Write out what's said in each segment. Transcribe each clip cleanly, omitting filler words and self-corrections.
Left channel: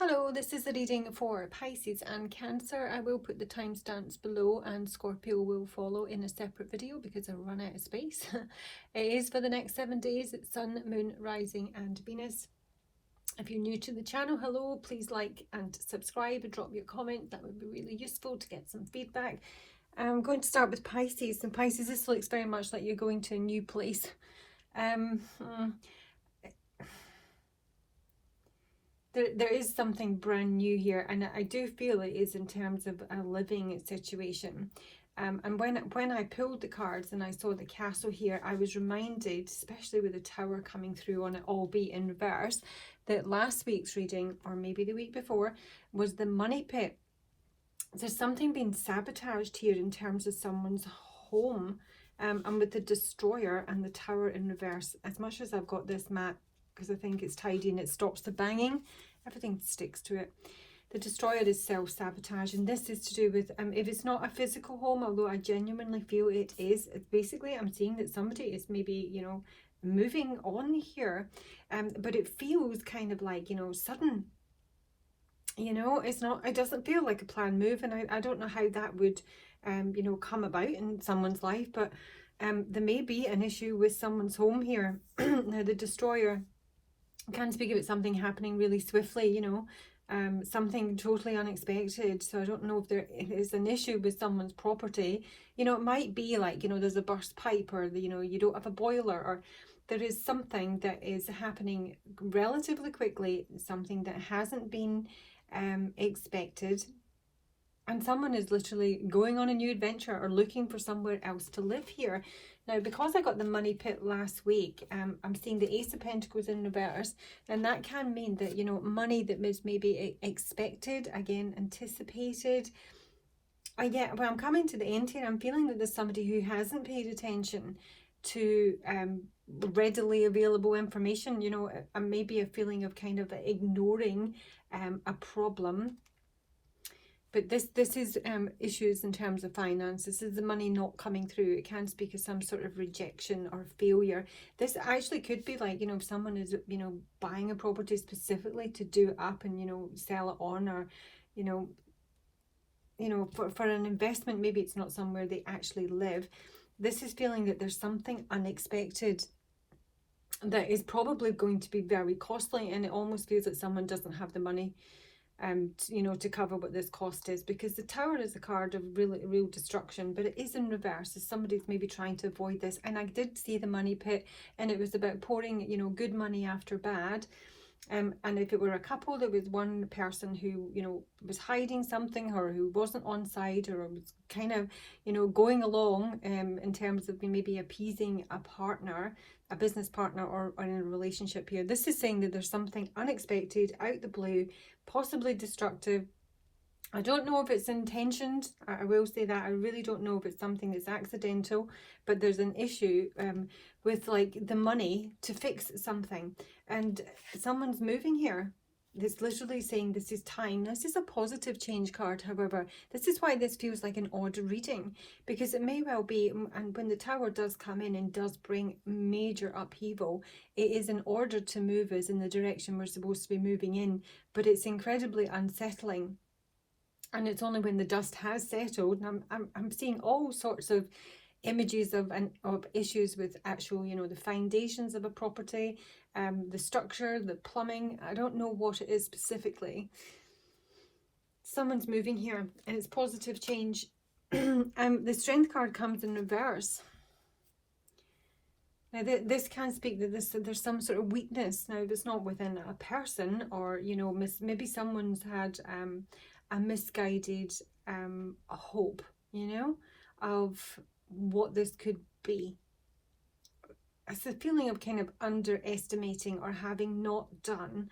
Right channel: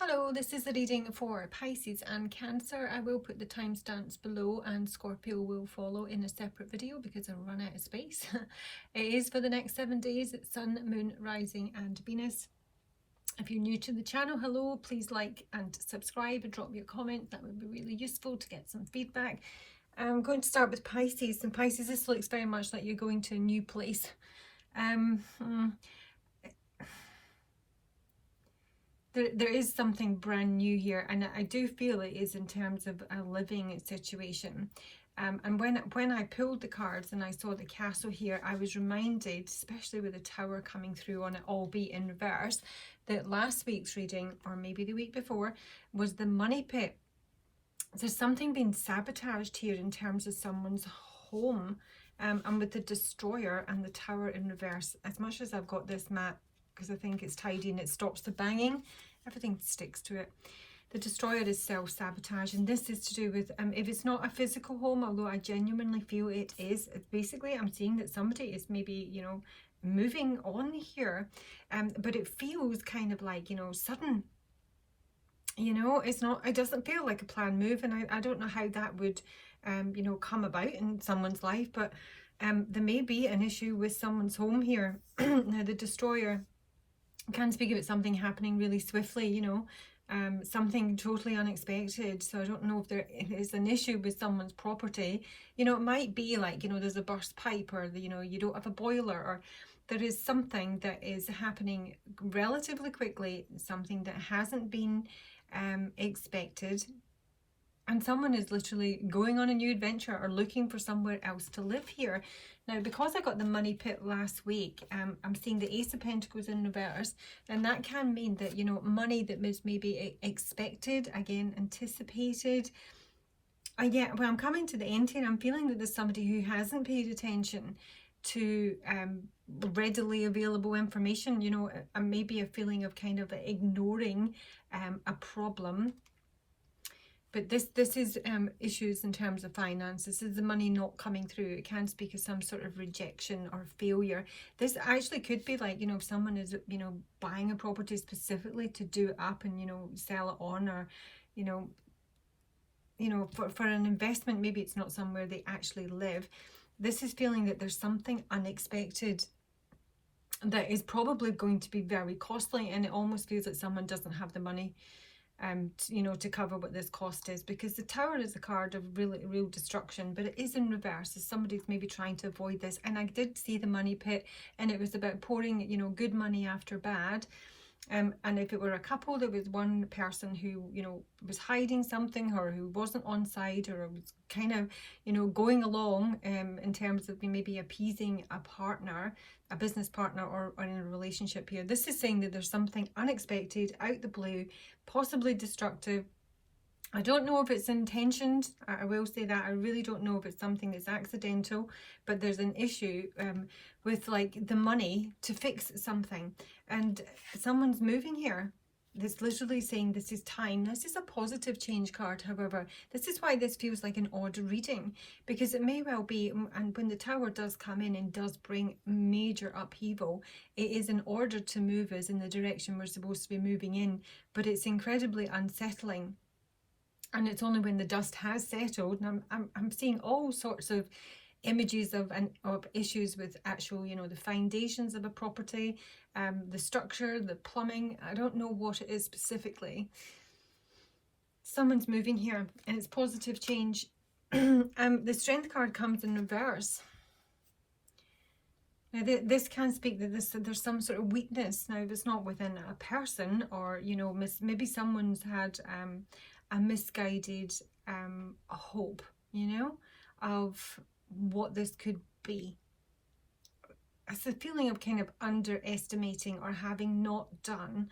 Hello, this is a reading for Pisces and Cancer. I will put the timestamps below and Scorpio will follow in a separate video because I'll run out of space. It is for the next 7 days. It's Sun, Moon, Rising and Venus. If you're new to the channel, hello, please like and subscribe and drop me a comment. That would be really useful to get some feedback. I'm going to start with Pisces. And Pisces, this looks very much like you're going to a new place. There is something brand new here, and I do feel it is in terms of a living situation. And when I pulled the cards and I saw the castle here, I was reminded, especially with the tower coming through on it, albeit in reverse, that last week's reading, or maybe the week before, was the money pit. There's something being sabotaged here in terms of someone's home, and with the destroyer and the tower in reverse. As much as I've got this mat, because I think it's tidy and it stops the banging, everything sticks to it. The destroyer is self-sabotage, and this is to do with, if it's not a physical home, although I genuinely feel it is, basically I'm seeing that somebody is maybe, you know, moving on here, but it feels kind of like, you know, sudden. You know, it doesn't feel like a planned move, and I don't know how that would, you know, come about in someone's life, but there may be an issue with someone's home here. Now, the destroyer can speak about something happening really swiftly, you know, something totally unexpected. So I don't know if there is an issue with someone's property. You know, it might be like, you know, there's a burst pipe, or, you know, you don't have a boiler, or there is something that is happening relatively quickly, something that hasn't been expected. And someone is literally going on a new adventure or looking for somewhere else to live here. Now, because I got the money pit last week, I'm seeing the Ace of Pentacles in reverse, and that can mean that, you know, money that was maybe expected, again, anticipated. Yeah, when I'm coming to the end here, I'm feeling that there's somebody who hasn't paid attention to readily available information, you know, and maybe a feeling of kind of ignoring a problem. But this is issues in terms of finance. This is the money not coming through. It can speak of some sort of rejection or failure. This actually could be like, you know, if someone is, you know, buying a property specifically to do it up and, you know, sell it on, or, you know, for an investment. Maybe it's not somewhere they actually live. This is feeling that there's something unexpected that is probably going to be very costly, and it almost feels like someone doesn't have the money you know, to cover what this cost is, because the tower is a card of real destruction, but it is in reverse, as somebody's maybe trying to avoid this. And I did see the money pit, and it was about pouring, you know, good money after bad. And if it were a couple, there was one person who, you know, was hiding something, or who wasn't on side, or was kind of, you know, going along in terms of maybe appeasing a partner, a business partner, or in a relationship here. This is saying that there's something unexpected, out the blue, possibly destructive. I don't know if it's intentioned. I will say that I really don't know if it's something that's accidental, but there's an issue with like the money to fix something, and someone's moving here. This literally saying this is time. This is a positive change card. However, this is why this feels like an odd reading, because it may well be, and when the tower does come in and does bring major upheaval, it is in order to move us in the direction we're supposed to be moving in, but it's incredibly unsettling. And it's only when the dust has settled, and I'm seeing all sorts of images of issues with actual, you know, the foundations of a property, the structure, the plumbing. I don't know what it is specifically. Someone's moving here, and it's positive change. The Strength card comes in reverse. Now, this can speak that there's some sort of weakness. Now, if it's not within a person, or, you know, maybe someone's had a misguided hope, you know, of what this could be. It's a feeling of kind of underestimating, or having not done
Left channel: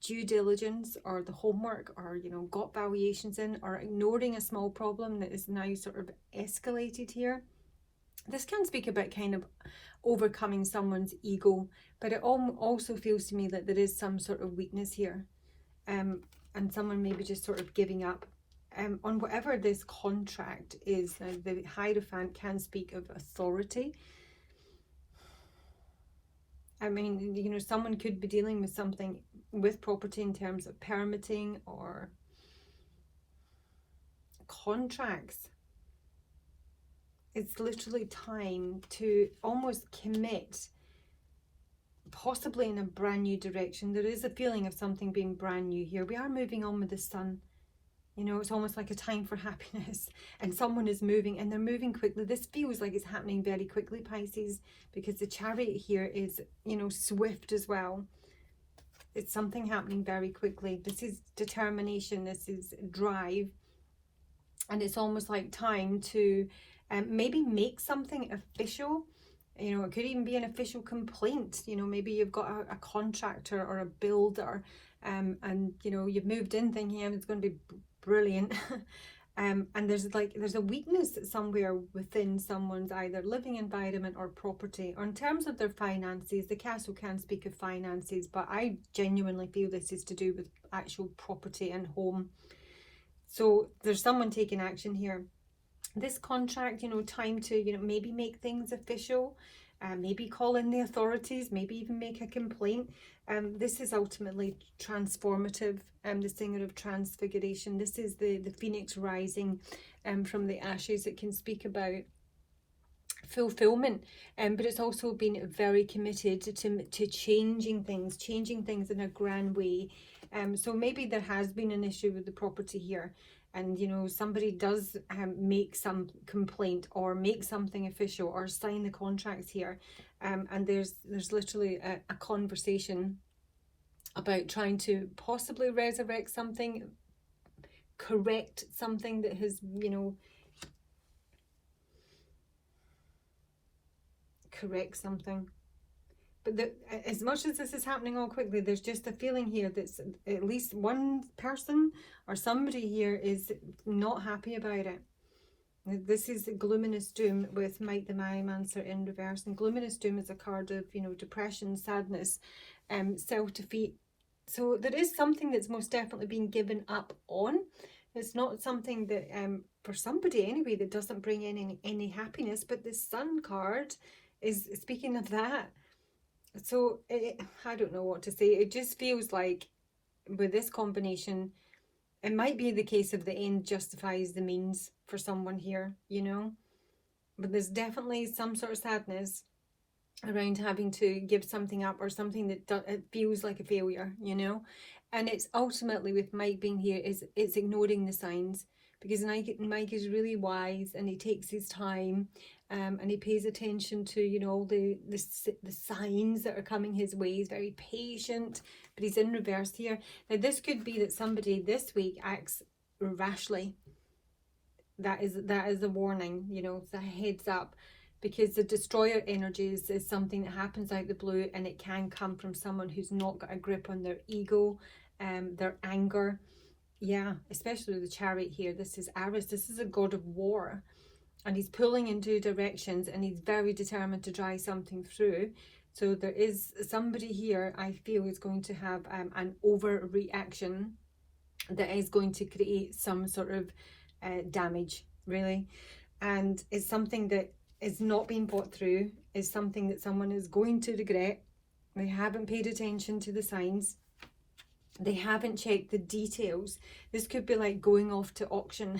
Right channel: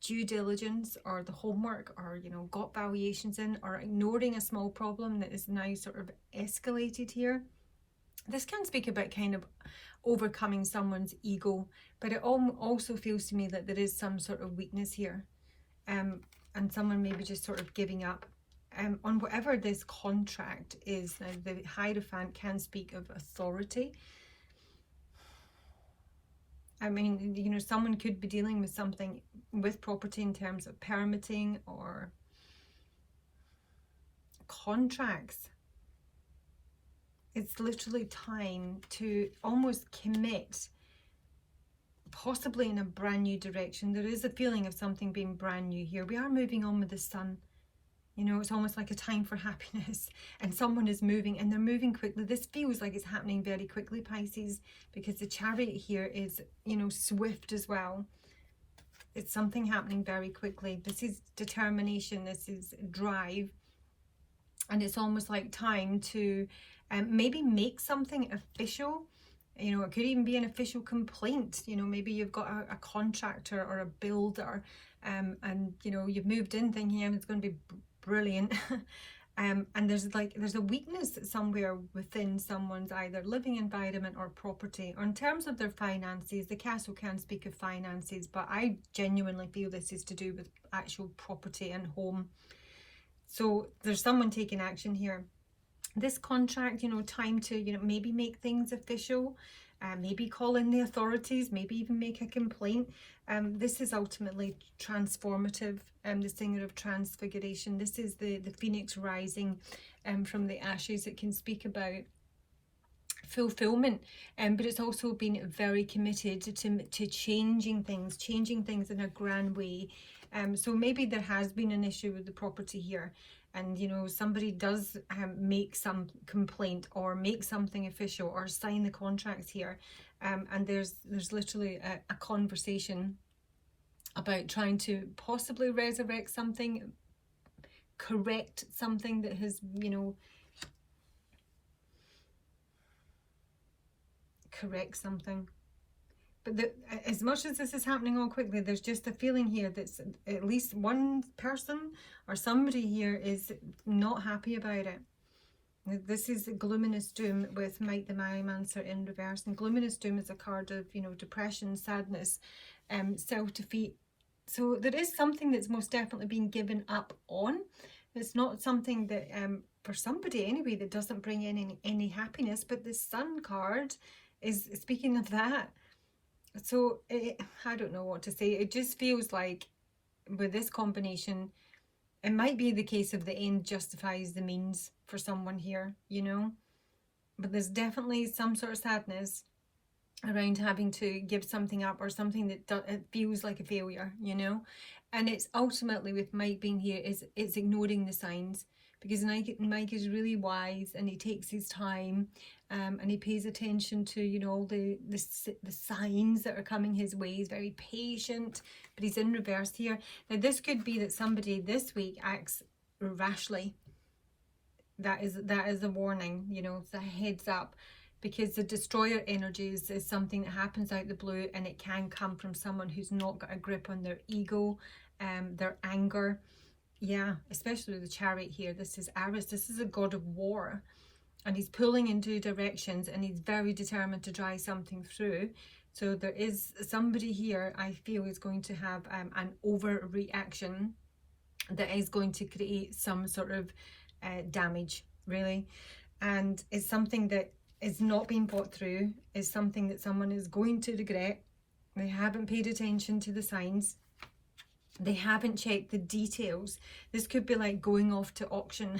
due diligence, or the homework, or, you know, got valuations in, or ignoring a small problem that is now sort of escalated here. This can speak about kind of overcoming someone's ego, but it also feels to me that there is some sort of weakness here, and someone maybe just sort of giving up on whatever this contract is. Now, the Hierophant can speak of authority. I mean, you know, someone could be dealing with something with property in terms of permitting or contracts. It's literally time to almost commit, possibly in a brand new direction. There is a feeling of something being brand new here. We are moving on with the sun. You know, it's almost like a time for happiness, and someone is moving, and they're moving quickly. This feels like it's happening very quickly, Pisces, because the Chariot here is, you know, swift as well. It's something happening very quickly. This is determination, this is drive, and it's almost like time to maybe make something official. You know, it could even be an official complaint. You know, maybe you've got a contractor or a builder, and you know, you've moved in thinking it's going to be brilliant. And there's a weakness somewhere within someone's either living environment or property. In terms of their finances, the castle can speak of finances, but I genuinely feel this is to do with actual property and home. So there's someone taking action here. This contract, you know, time to, you know, maybe make things official, maybe call in the authorities, maybe even make a complaint. This is ultimately transformative. The singer of transfiguration. This is the phoenix rising from the ashes. It can speak about fulfillment, but it's also been very committed to changing things in a grand way. So maybe there has been an issue with the property here, and you know, somebody does make some complaint or make something official or sign the contracts here, and there's literally a conversation about trying to possibly resurrect something, correct something that has, you know, correct something. But as much as this is happening all quickly, there's just a feeling here that at least one person or somebody here is not happy about it. This is Glominous Doom with Mike the Mancer in reverse, and Glominous Doom is a card of, you know, depression, sadness, self-defeat. So there is something that's most definitely been given up on. It's not something that, for somebody anyway, that doesn't bring in any happiness, but the Sun card is speaking of that. So I don't know what to say. It just feels like with this combination, it might be the case of the end justifies the means for someone here, you know. But there's definitely some sort of sadness around having to give something up, or something that it feels like a failure, you know. And it's ultimately, with Mike being here, it's ignoring the signs, because Mike is really wise, and he takes his time, and he pays attention to, you know, the signs that are coming his way. He's very patient, but he's in reverse here. Now this could be that somebody this week acts rashly. That is a warning, you know, it's a heads up, because the destroyer energies is something that happens out the blue, and it can come from someone who's not got a grip on their ego, their anger. Yeah, especially the Chariot here. This is Aries. This is a god of war, and he's pulling in two directions, and he's very determined to drive something through. So there is somebody here, I feel, is going to have an overreaction that is going to create some sort of damage, really. And it's something that is not being thought through, is something that someone is going to regret. They haven't paid attention to the signs. They haven't checked the details. This could be like going off to auction,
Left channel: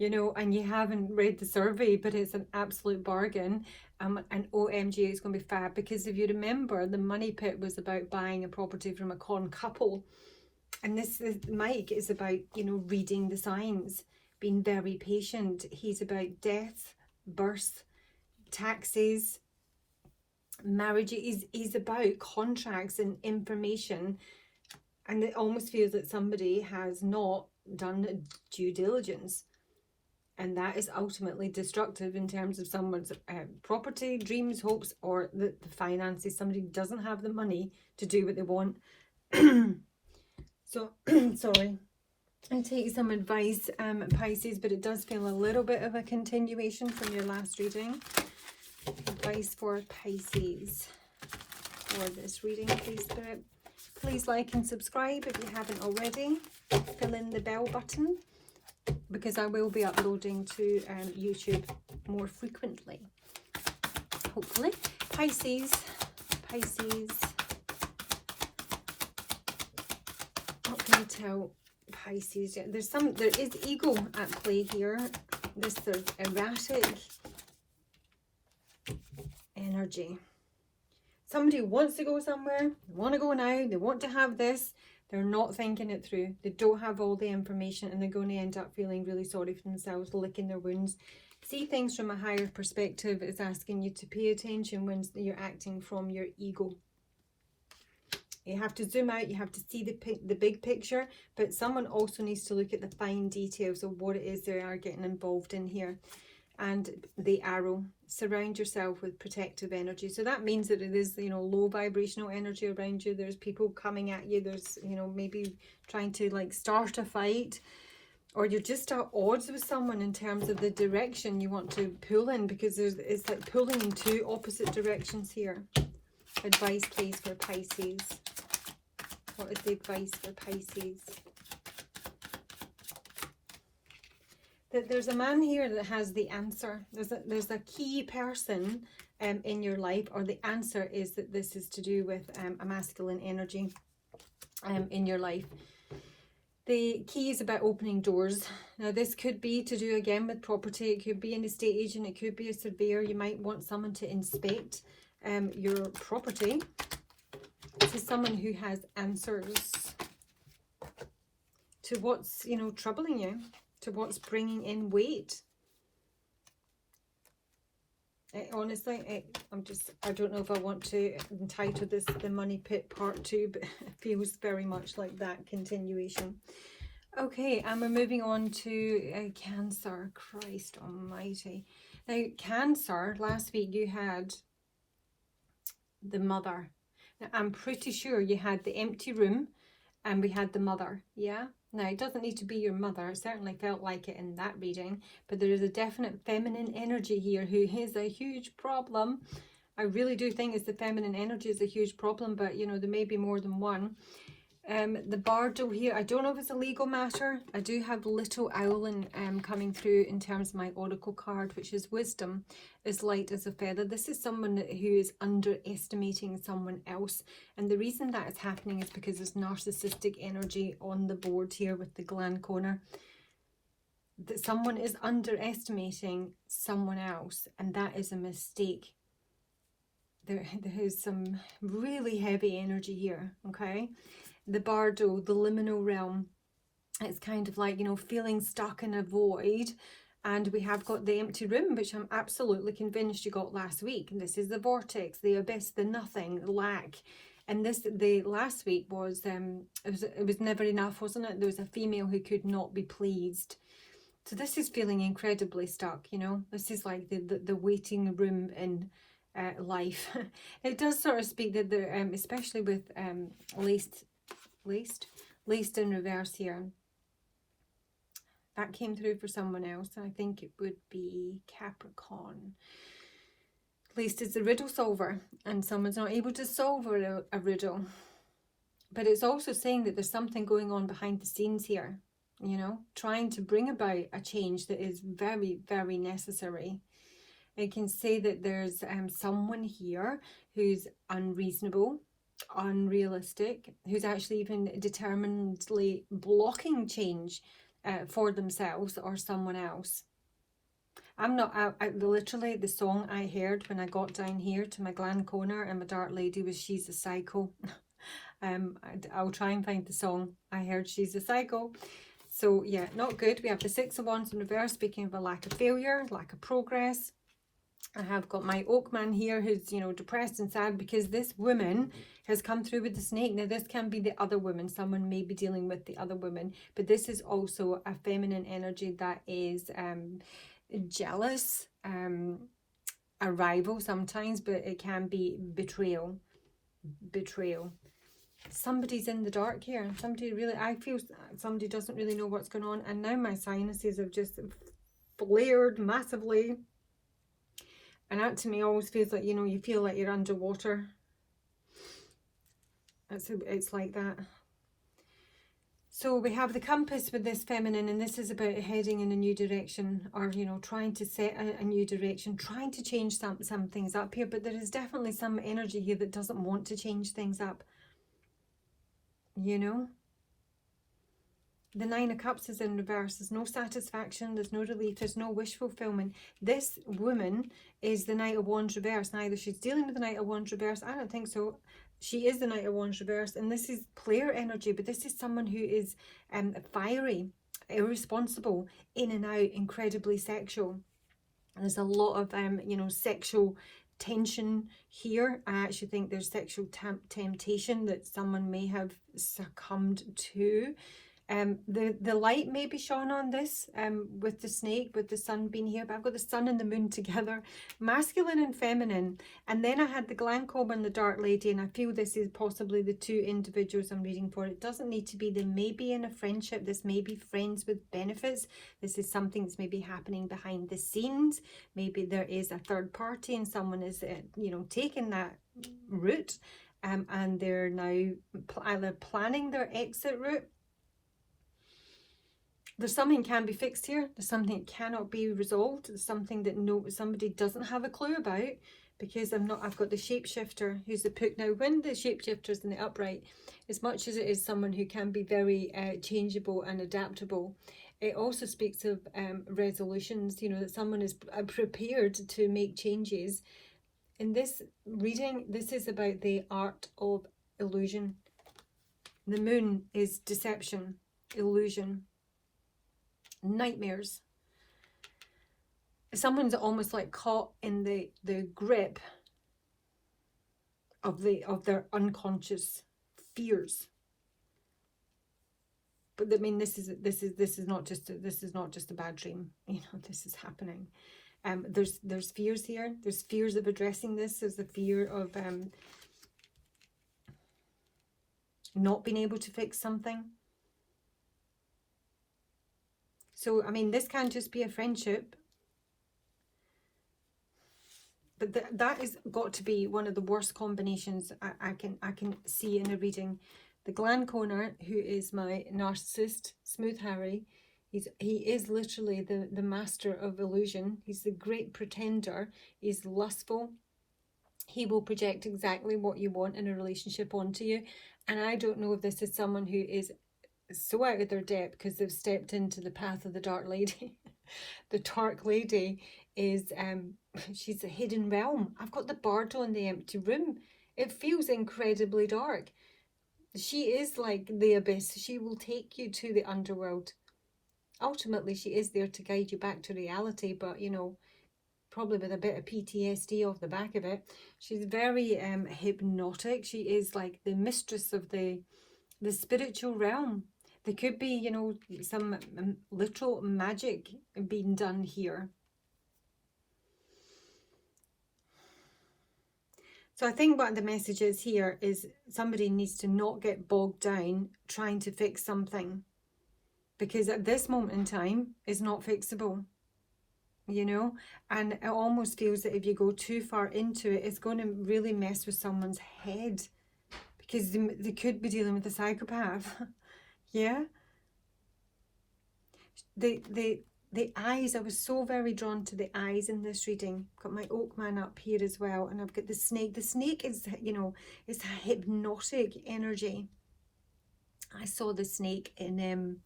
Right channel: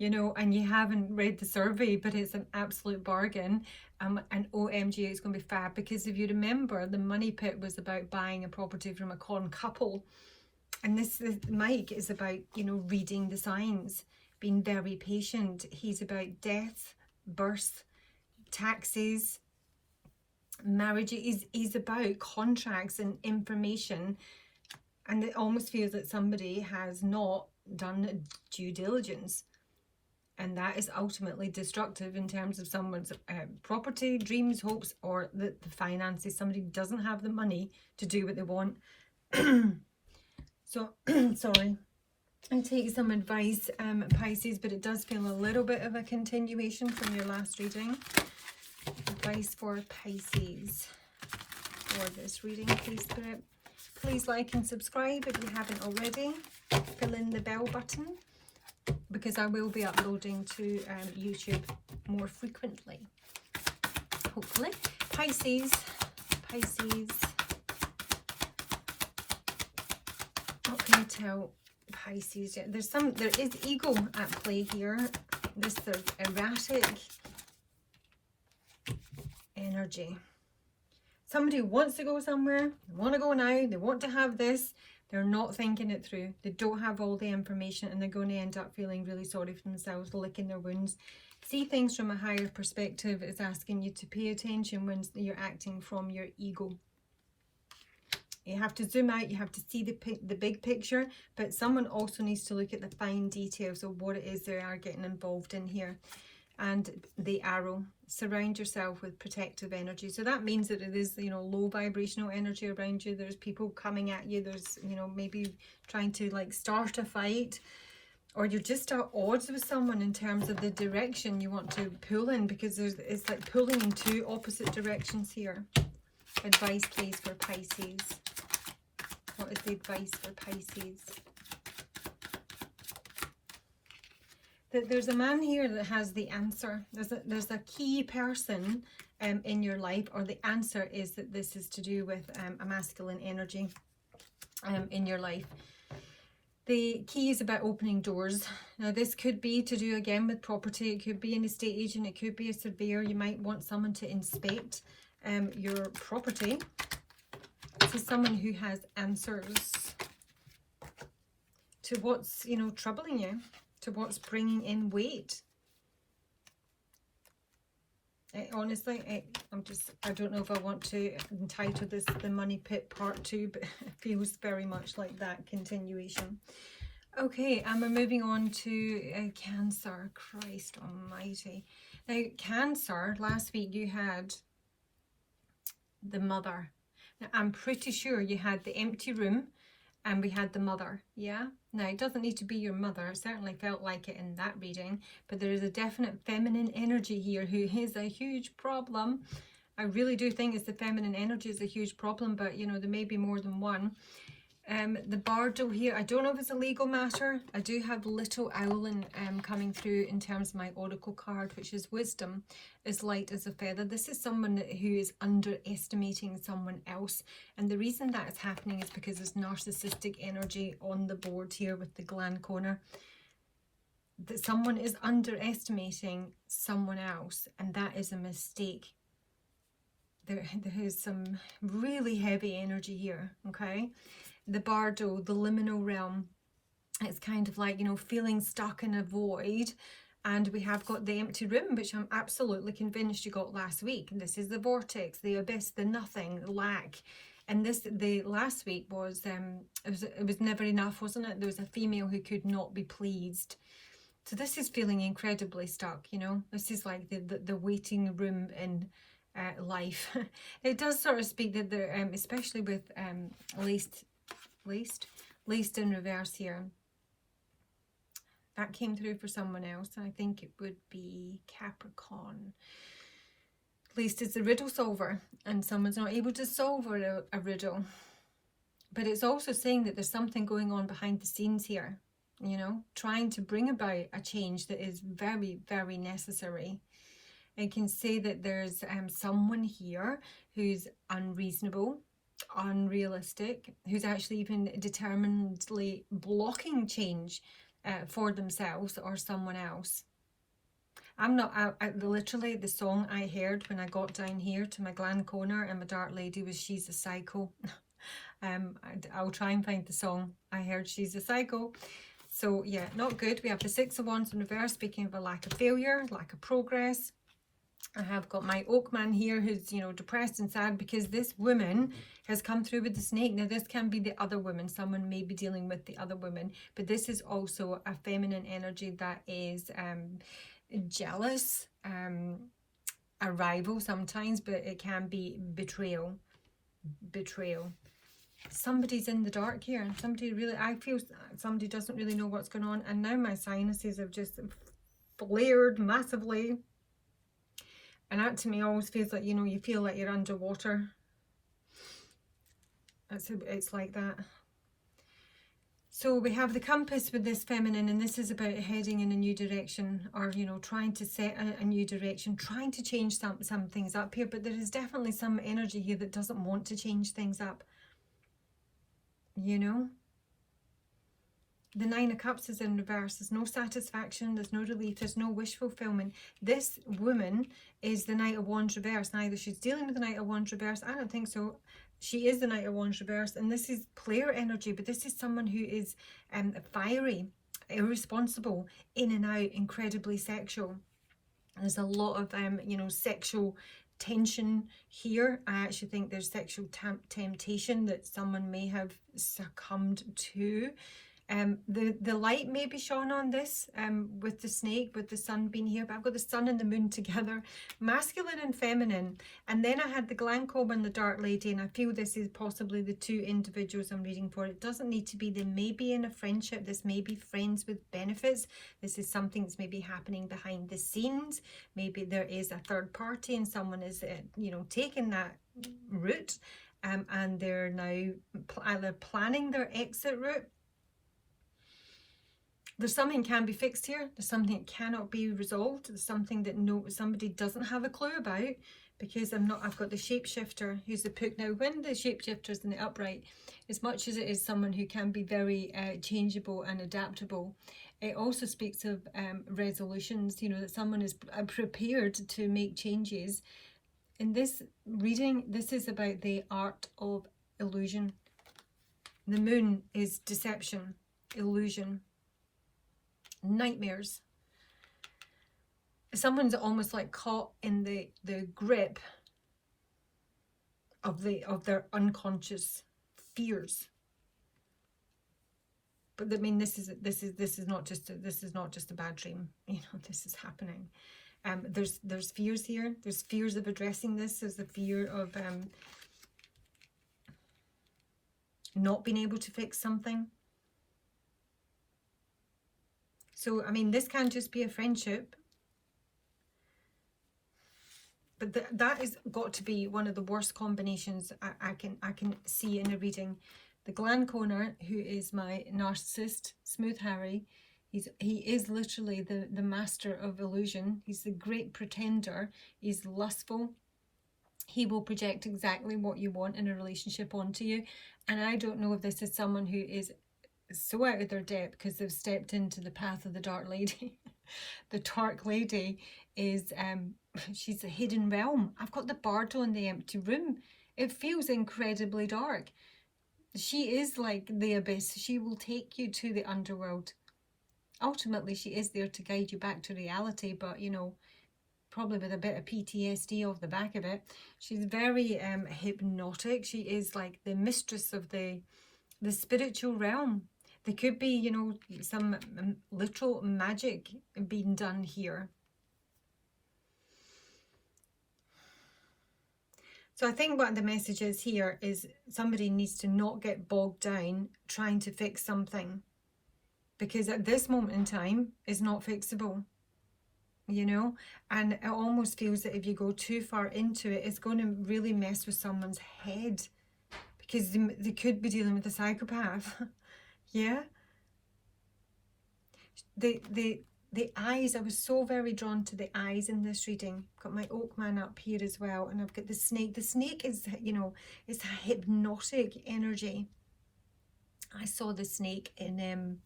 you know, and you haven't read the survey, but it's an absolute bargain. And OMG, it's going to be fab, because if you remember, the money pit was about buying a property from a con couple. And this is, Mike is about, you know, reading the signs, being very patient. He's about death, birth, taxes, marriage. He's about contracts and information. And it almost feels that somebody has not done due diligence. And that is ultimately destructive in terms of someone's property, dreams, hopes, or the finances. Somebody doesn't have the money to do what they want. So, sorry. And take some advice, Pisces, but it does feel a little bit of a continuation from your last reading. Advice for Pisces for this reading, please, Spirit. Please like and subscribe if you haven't already. Fill in the bell button, because I will be uploading to YouTube more frequently, hopefully. Pisces, Pisces. What can I tell Pisces? Yeah, there is ego at play here. This erratic energy. Somebody wants to go somewhere, they want to go now, they want to have this, they're not thinking it through. They don't have all the information, and they're going to end up feeling really sorry for themselves, licking their wounds. See things from a higher perspective is asking you to pay attention when you're acting from your ego. You have to zoom out, you have to see the big picture, but someone also needs to look at the fine details of what it is they are getting involved in here. And the arrow, surround yourself with protective energy. So that means that it is, you know, low vibrational energy around you. There's people coming at you. There's, you know, maybe trying to like start a fight, or you're just at odds with someone in terms of the direction you want to pull in, because it's like pulling in two opposite directions here. Advice, please, for Pisces. What is the advice for Pisces? There's a man here that has the answer. There's a key person in your life, or the answer is that this is to do with a masculine energy in your life. The key is about opening doors. Now this could be to do again with property. It could be an estate agent. It could be a surveyor. You might want someone to inspect your property. This is someone who has answers to what's, you know, troubling you, to what's bringing in weight. Honestly, I don't know if I want to entitle this The Money Pit Part 2, but it feels very much like that continuation. Okay, and we're moving on to Cancer. Christ almighty. Now, Cancer, last week you had the Mother. Now, I'm pretty sure you had the empty room, and we had the Mother, yeah? Now, it doesn't need to be your mother. It certainly felt like it in that reading. But there is a definite feminine energy here who is a huge problem. I really do think it's the feminine energy is a huge problem. But, you know, there may be more than one. The Bardo here, I don't know if it's a legal matter. I do have Little Owlin coming through in terms of my oracle card, which is wisdom is light as a feather. This is someone who is underestimating someone else, and the reason that is happening is because there's narcissistic energy on the board here with the gland corner. That someone is underestimating someone else, and that is a mistake. There is some really heavy energy here, okay? The Bardo, the liminal realm, it's kind of like, you know, feeling stuck in a void. And we have got the empty room, which I'm absolutely convinced you got last week. And this is the vortex, the abyss, the nothing, the lack. And the last week was, it was never enough, wasn't it? There was a female who could not be pleased. So this is feeling incredibly stuck, you know. This is like the waiting room in life. It does sort of speak that there, especially with laced in reverse here. That came through for someone else. I think it would be Capricorn. Laced is a riddle solver, and someone's not able to solve a riddle. But it's also saying that there's something going on behind the scenes here, you know, trying to bring about a change that is very, very necessary. It can say that there's someone here who's unreasonable, unrealistic, who's actually even determinedly blocking change for themselves or someone else. I'm not, literally the song I heard when I got down here to my gland corner and my dark lady was She's a Psycho. I'll try and find the song. I heard She's a Psycho. So yeah, not good. We have the Six of Wands in reverse, speaking of a lack of failure, lack of progress. I have got my Oakman here who's, you know, depressed and sad because this woman has come through with the snake. Now, this can be the other woman. Someone may be dealing with the other woman. But this is also a feminine energy that is jealous, a rival sometimes, but it can be betrayal. Betrayal. Somebody's in the dark here. Somebody really, I feel somebody doesn't really know what's going on. And now my sinuses have just flared massively. And that to me always feels like, you know, you feel like you're underwater. It's like that. So we have the compass with this feminine, and this is about heading in a new direction, or, you know, trying to set a new direction, trying to change some things up here. But there is definitely some energy here that doesn't want to change things up, you know. The Nine of Cups is in reverse. There's no satisfaction, there's no relief, there's no wish fulfillment. This woman is the Knight of Wands reverse. Neither she's dealing with the Knight of Wands reverse, I don't think so. She is the Knight of Wands reverse, and this is player energy, but this is someone who is fiery, irresponsible, in and out, incredibly sexual. There's a lot of you know, sexual tension here. I actually think there's sexual temptation that someone may have succumbed to. The light may be shone on this with the snake, with the sun being here, but I've got the sun and the moon together, masculine and feminine. And then I had the Glencobbe and the Dark Lady, and I feel this is possibly the two individuals I'm reading for. It doesn't need to be, they may be in a friendship, this may be friends with benefits, this is something that's maybe happening behind the scenes, maybe there is a third party and someone is you know, taking that route, and they're now either planning their exit route. There's something can be fixed here. There's something that cannot be resolved. There's something that somebody doesn't have a clue about, because I've got the shapeshifter who's the Puck. Now, when the shapeshifter is in the upright, as much as it is someone who can be very changeable and adaptable, it also speaks of resolutions, you know, that someone is prepared to make changes. In this reading, this is about the art of illusion. The moon is deception, illusion, nightmares. Someone's almost like caught in the grip of their unconscious fears. But I mean, this is not just a bad dream. You know, this is happening. There's fears here. There's fears of addressing this. There's the fear of not being able to fix something. So, I mean, this can just be a friendship, but that has got to be one of the worst combinations I can see in a reading. The Glenconner, who is my narcissist, Smooth Harry, he is literally the master of illusion. He's the great pretender. He's lustful. He will project exactly what you want in a relationship onto you. And I don't know if this is someone who is so out of their depth because they've stepped into the path of the Dark Lady. The Dark Lady is she's a hidden realm. I've got the Bardo in the empty room. It feels incredibly dark. She is like the abyss. She will take you to the underworld. Ultimately, she is there to guide you back to reality, but you know, probably with a bit of PTSD off the back of it. She's very hypnotic. She is like the mistress of the spiritual realm. There could be, you know, some literal magic being done here. So I think what the message is here is somebody needs to not get bogged down trying to fix something, because at this moment in time it's not fixable, you know. And it almost feels that if you go too far into it, it's going to really mess with someone's head, because they could be dealing with a psychopath. Yeah. The eyes, I was so very drawn to the eyes in this reading. Got my Oak Man up here as well, and I've got the snake. The snake is, you know, it's a hypnotic energy. I saw the snake in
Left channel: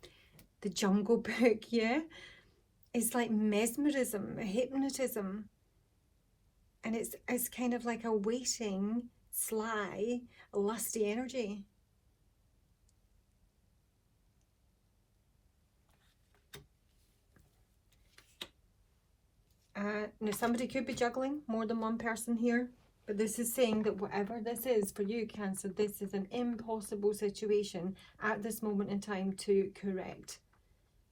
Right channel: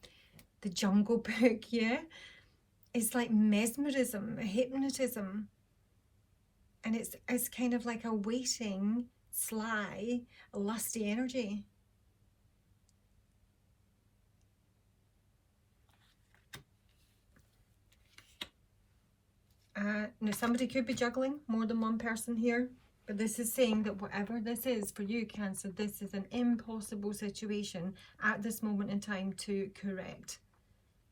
the Jungle Book, yeah. It's like mesmerism, hypnotism. And it's kind of like a waiting, sly, lusty energy. Now somebody could be juggling more than one person here, but this is saying that whatever this is for you, Cancer, this is an impossible situation at this moment in time to correct.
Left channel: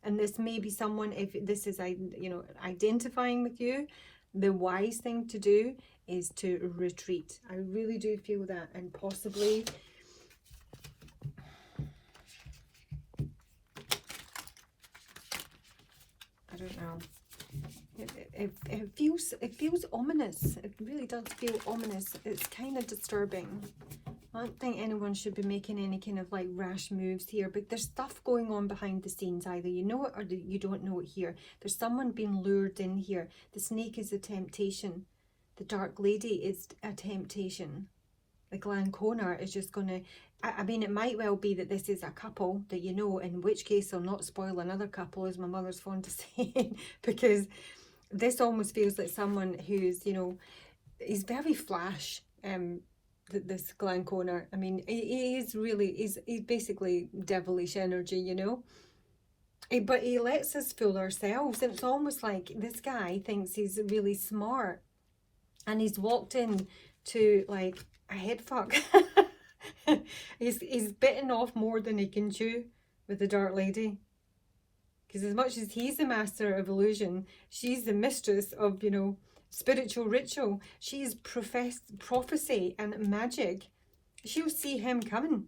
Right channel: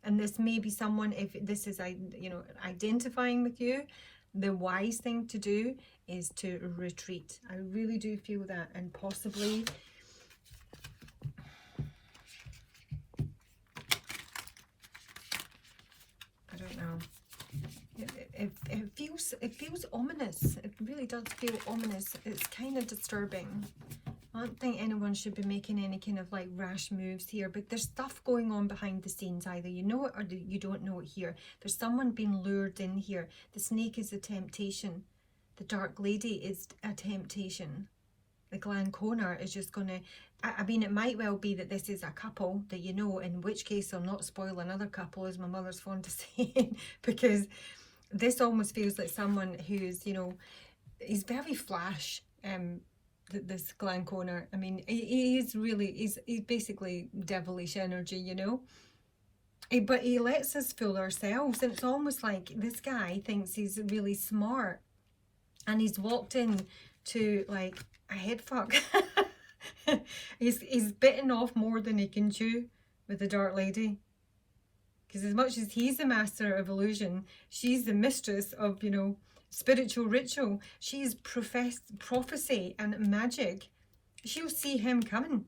And this may be someone, if this is, you know, identifying with you, the wise thing to do is to retreat. I really do feel that, and possibly I don't know. It feels ominous. It really does feel ominous. It's kind of disturbing. I don't think anyone should be making any kind of like rash moves here, but there's stuff going on behind the scenes. Either you know it or you don't know it here. There's someone being lured in here. The snake is a temptation. The dark lady is a temptation. The Glanconer is just going to, I mean, it might well be that this is a couple that you know, in which case I'll not spoil another couple, as my mother's fond of saying, because this almost feels like someone who's, you know, he's very flash, this Glanconer. I mean, he's basically devilish energy, you know. But he lets us fool ourselves, and it's almost like this guy thinks he's really smart, and he's walked in to like a head fuck. he's bitten off more than he can chew with the dark lady, because as much as he's the master of illusion, she's the mistress of, you know, spiritual ritual. She's prophecy and magic. She'll see him coming.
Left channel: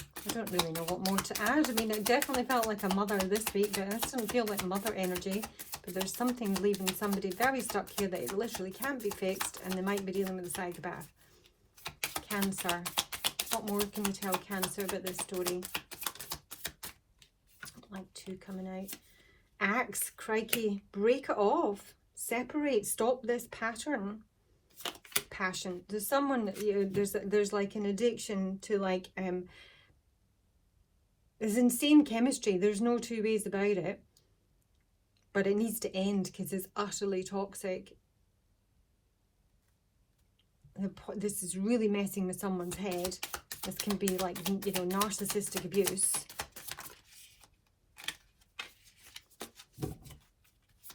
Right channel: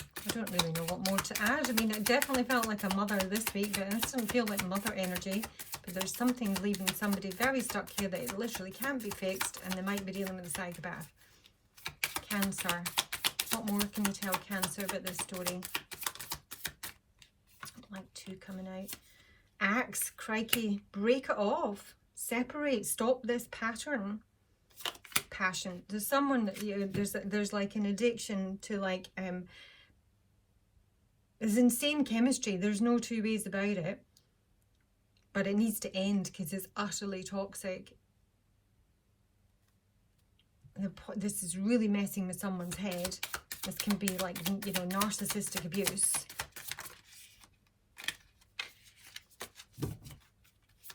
I don't really know what more to add. I mean, it definitely felt like a mother this week, but it doesn't feel like mother energy. But there's something leaving somebody very stuck here that it literally can't be fixed, and they might be dealing with a psychopath. Cancer. What more can you tell Cancer about this story? Like 2 coming out. Axe, crikey, break it off. Separate, stop this pattern. Passion. There's someone, you know, there's like an addiction to like, there's insane chemistry. There's no 2 ways about it. But it needs to end because it's utterly toxic. This is really messing with someone's head. This can be like, you know, narcissistic abuse.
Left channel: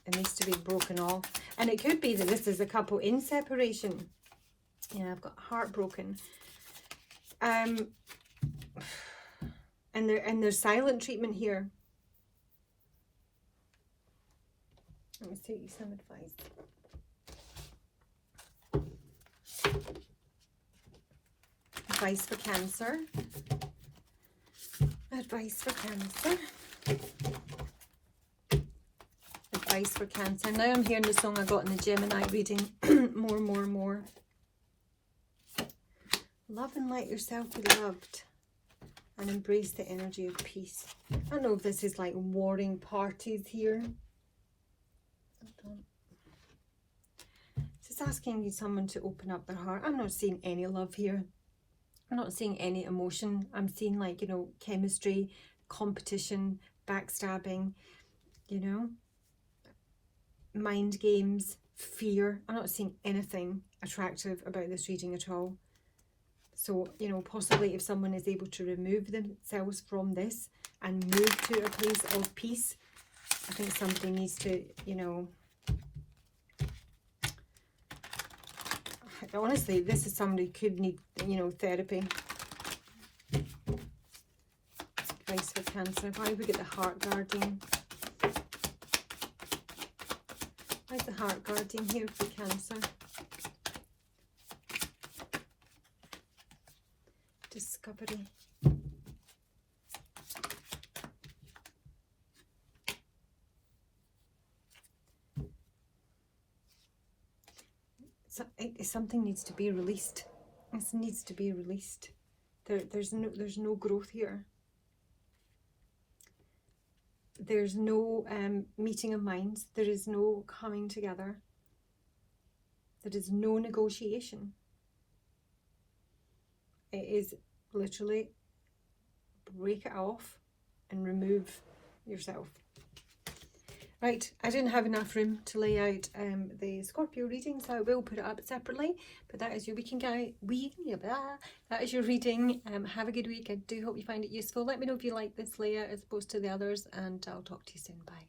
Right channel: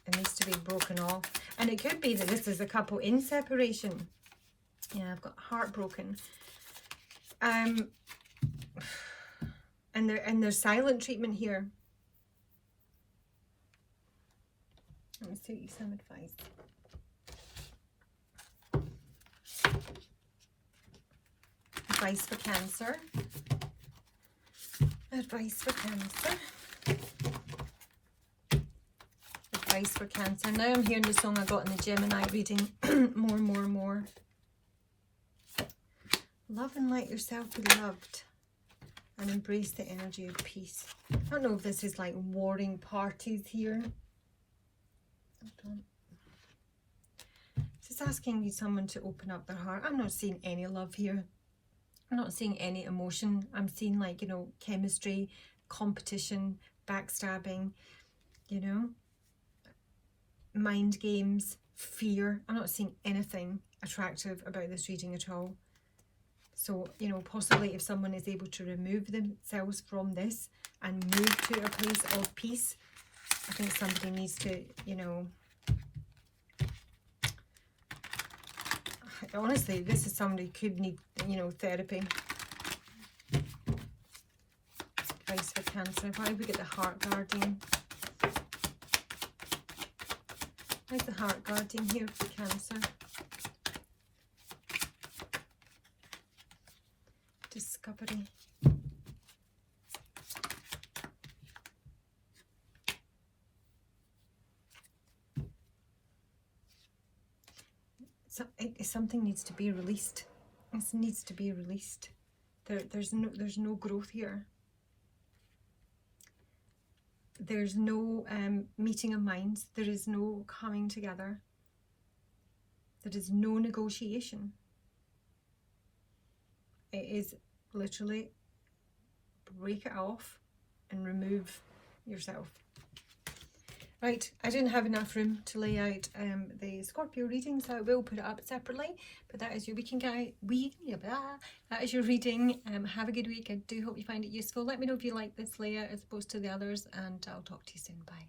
It needs to be broken off. And it could be that this is a couple in separation. Yeah, I've got heartbroken. And there's silent treatment here. Let me see some advice. Advice for Cancer. Advice for Cancer. Advice for Cancer. Now I'm hearing the song I got in the Gemini reading. More. Love and let yourself be loved. And embrace the energy of peace. I don't know if this is like warring parties here. Just asking you someone to open up their heart. I'm not seeing any love here. I'm not seeing any emotion. I'm seeing like, you know, chemistry, competition, backstabbing, you know, mind games, fear. I'm not seeing anything attractive about this reading at all. So, you know, possibly if someone is able to remove themselves from this and move to a place of peace, I think somebody needs to, you know, honestly, this is somebody who could need, you know, therapy. Advice for Cancer. Why do we get the Heart Guardian? Why's the Heart Guardian here for Cancer? Discovery. So something needs to be released. This needs to be released. There's no growth here. There's no meeting of minds. There is no coming together. There is no negotiation. It is literally break it off and remove yourself. Right, I didn't have enough room to lay out the Scorpio reading, so I will put it up separately. But that is your that is your reading. Have a good week. I do hope you find it useful. Let me know if you like this layout as opposed to the others, and I'll talk to you soon. Bye.